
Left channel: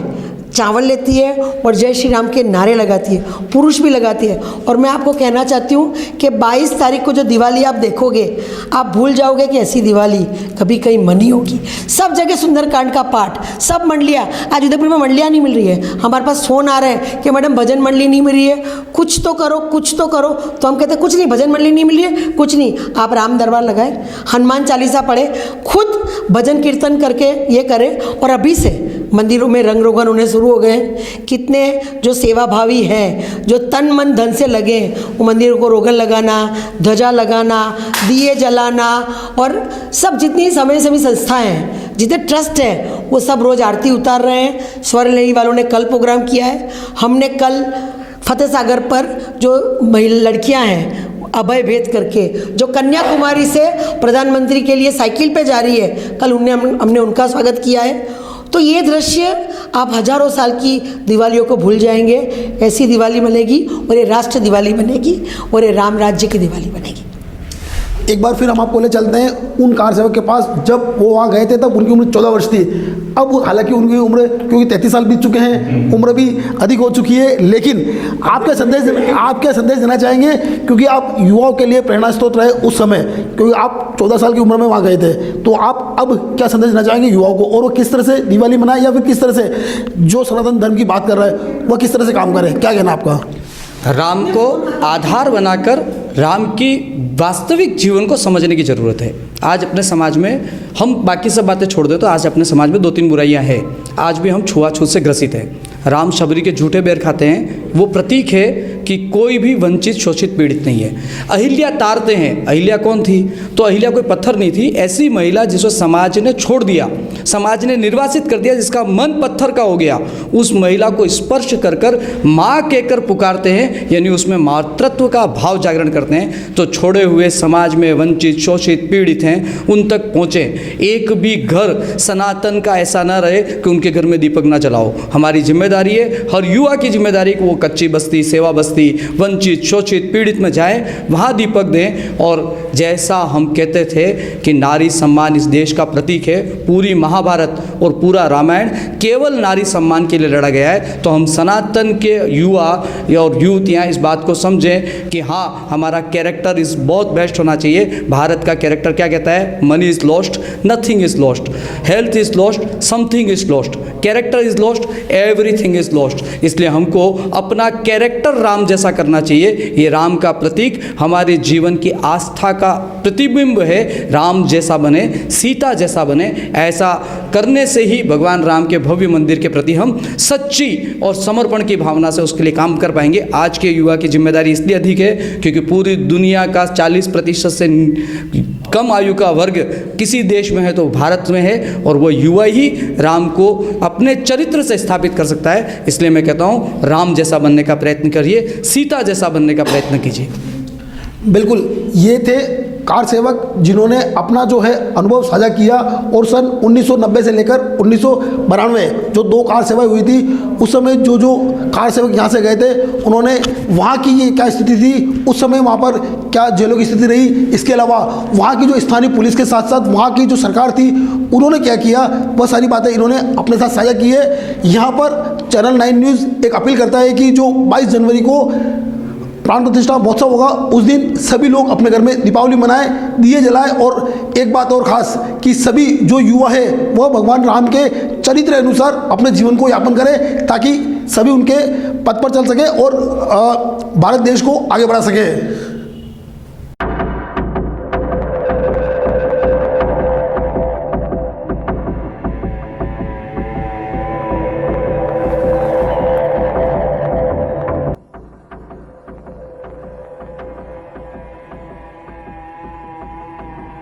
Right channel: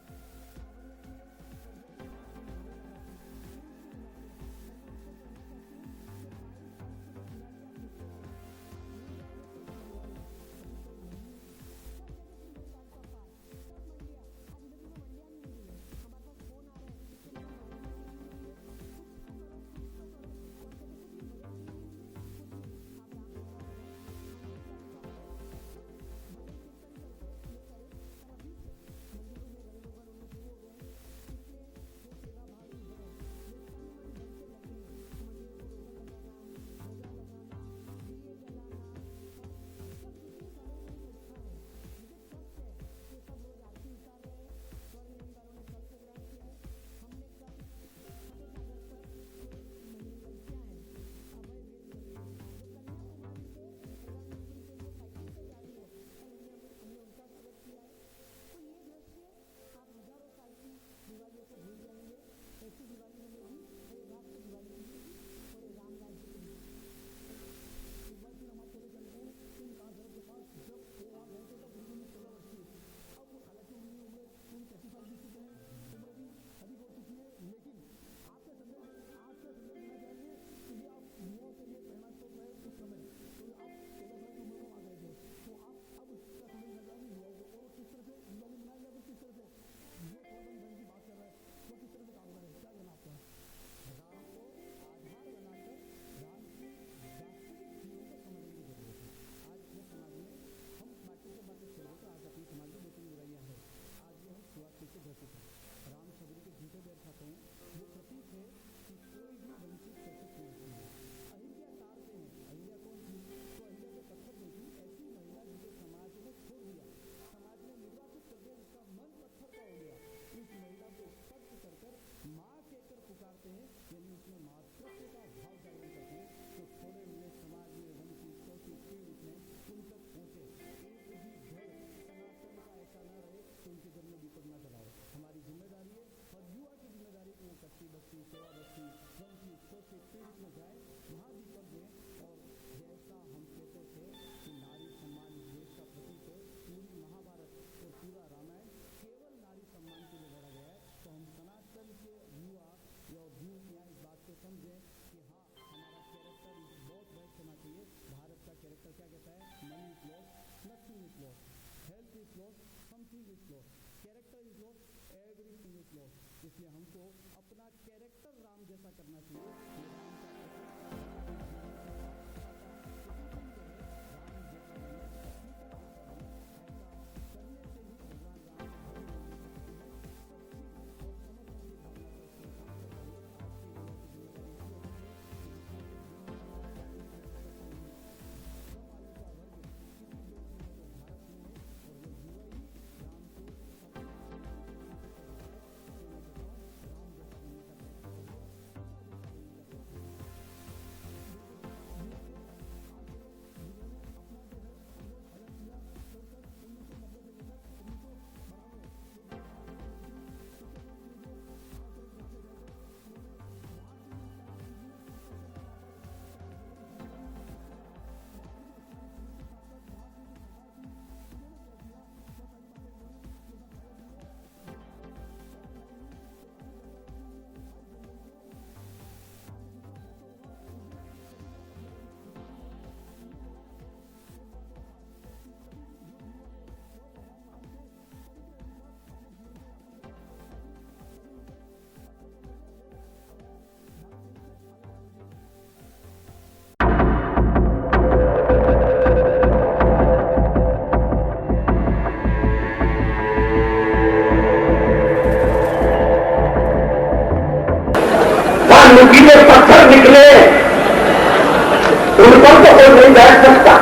चावल लेती है और जय श्री राम के नारे लगाती है, पुरुष भी लगाती है। और मैं आपको कहना चाहती हूँ कि 22 तारीख को जो दिवाली आप देखोगे, आप भूल जाओगे कि ऐसी दिवाली कभी कहीं मनी होगी। सब जगह सुंदरकांड का पाठ, सब मंडलियाँ, आज उदयपुर में मंडलियाँ नहीं मिल रही है, हमारे पास फ़ोन आ रहे हैं कि मैडम भजन मंडली नहीं मिल रही है, कुछ तो करो, कुछ तो करो। तो हम कहते हैं कुछ नहीं, भजन मंडली नहीं मिल रही है, कुछ नहीं, आप राम दरबार लगाएं, हनुमान चालीसा पढ़े, खुद भजन कीर्तन करके ये करें। और अभी से मंदिरों में रंग रोगन होने शुरू हो गए। कितने जो सेवाभावी हैं, जो तन मन धन से लगे, वो मंदिरों को रोगन लगाना, ध्वजा लगाना, दिए जलाना, और सब जितनी समय सेवी संस्थाएं हैं, जितने ट्रस्ट हैं, वो सब रोज़ आरती उतार रहे हैं। स्वर्ण लेनी वालों ने कल प्रोग्राम किया है। हमने कल फतेह सागर पर जो महिला लड़कियाँ हैं अभय भेद करके, जो कन्याकुमारी से प्रधानमंत्री के लिए साइकिल पे जा रही है, कल हमने उनका स्वागत किया है। तो ये दृश्य आप हजारों साल की दिवालियों को भूल जाएंगे। ऐसी दिवाली बनेगी और ये राष्ट्र दिवाली बनेगी और ये राम राज्य की दिवाली बनेगी। एक बार फिर हम आपको ले चलते हैं उन कार सेवक के पास, जब वो वहाँ गए थे तब उनकी उम्र 14 वर्ष थी। अब हालांकि उनकी उम्र, क्योंकि 33 साल बीत चुके हैं, उम्र भी अधिक हो चुकी है, लेकिन आप क्या संदेश देना चाहेंगे, क्योंकि आप युवाओं के लिए प्रेरणा स्रोत रहे उस समय, क्योंकि आप 14 साल की उम्र में वहाँ गए थे, तो आप अब क्या संदेश देना चाहेंगे युवाओं को, और वो किस तरह से दिवाली मनाए, या फिर किस तरह से जो सनातन धर्म की बात कर रहा है वह किस तरह से काम करे, क्या कहना आपका? राम को आधार बनाकर राम की वास्तविक जीवन को समझने की ज़रूरत है। आज अपने समाज में, हम बाकी सब बातें छोड़ दें तो आज अपने समाज में 2-3 बुराइयां हैं। आज भी हम छुआछूत से ग्रसित हैं। राम शबरी के झूठे बेर खाते हैं, वो प्रतीक है कि कोई भी वंचित शोषित पीड़ित नहीं है। अहिल्या तारते हैं, अहिल्या कौन थी? तो अहिल्या कोई पत्थर नहीं थी, ऐसी महिला जिसको समाज ने छोड़ दिया, समाज ने निर्वासित कर दिया, जिसका मन पत्थर का हो गया, उस महिला को स्पर्श कर कर माँ कहकर पुकारते हैं, यानी उसमें मातृत्व का भाव जागरण करते हैं। तो छोड़े हुए समाज में वंचित शोषित पीड़ित हैं, उन तक पहुँचें। एक भी घर सनातन का ऐसा ना रहे कि उनके घर में दीपक ना जलाओ। हमारी जिम्मेदारी है, हर युवा की जिम्मेदारी कि वो कच्ची बस्ती, सेवा बस्ती बस्ती, वंचित, शोषित, पीड़ित में जाएं, वहाँ दीपक दें। और जैसा हम कहते थे कि नारी सम्मान इस देश का प्रतीक है, पूरी महाभारत और पूरा रामायण केवल नारी सम्मान के लिए लड़ा गया है, तो हम सनातन के युवा और यूथ यहाँ इस बात को समझें कि हाँ, हमारा कैरेक्टर इस बहुत बेस्ट होना चाहिए। भारत का कैरेक्टर क्या कहता है? Money is lost, nothing is lost, health is lost, something is lost, character is lost, everything is lost. इसलिए हमको अपना कैरेक्टर राम जैसा करना चाहिए। ये राम का प्रतीक हमारे जीवन की आस्था का प्रतिबिंब है। राम जैसा बने, सीता जैसा बने, ऐसा करने से ही भगवान राम के भव्य मंदिर के प्रति हम सच्ची और समर्पण की भावना से उसके लिए काम कर पाएंगे। आज के युवा की जिम्मेदारी इसलिए अधिक है क्योंकि पूरी दुनिया का 40% से कम आयु का वर्ग किसी देश में है तो भारत में है, और वो युवा ही राम को अपने चरित्र से स्थापित कर सकता है। इसलिए मैं कहता हूँ, राम जैसा बनने का प्रयत्न करिए, सीता जैसा बनने का प्रयत्न कीजिए। बिल्कुल, ये थे कार सेवक जिन्होंने अपना जो है अनुभव साझा किया। और सन 1990 से लेकर 1992 जो 2 कार सेवाएं हुई थी, उस समय जो कार सेवक यहाँ से गए थे, उन्होंने वहाँ की ये क्या स्थिति थी, उस समय वहाँ पर क्या जेलों की स्थिति रही, इसके अलावा वहाँ की जो स्थानीय पुलिस के साथ साथ वहाँ की जो सरकार थी उन्होंने क्या किया, वह सारी बातें इन्होंने अपने साथ साझा की है। यहाँ पर चैनल 9 न्यूज़ एक अपील करता है कि जो 22 जनवरी को प्राण प्रतिष्ठा महोत्सव होगा, उस दिन सभी लोग अपने घर में दीपावली मनाएं, दिए जलाएं। और एक बात और ख़ास कि सभी जो युवा है वह भगवान राम के चरित्र अनुसार अपने जीवन को यापन करें, ताकि सभी उनके पथ पर चल सके और भारत देश को आगे बढ़ा सके। नुकीले पत्थर निकले, उन पर तो कोई नहीं बैठ सकता।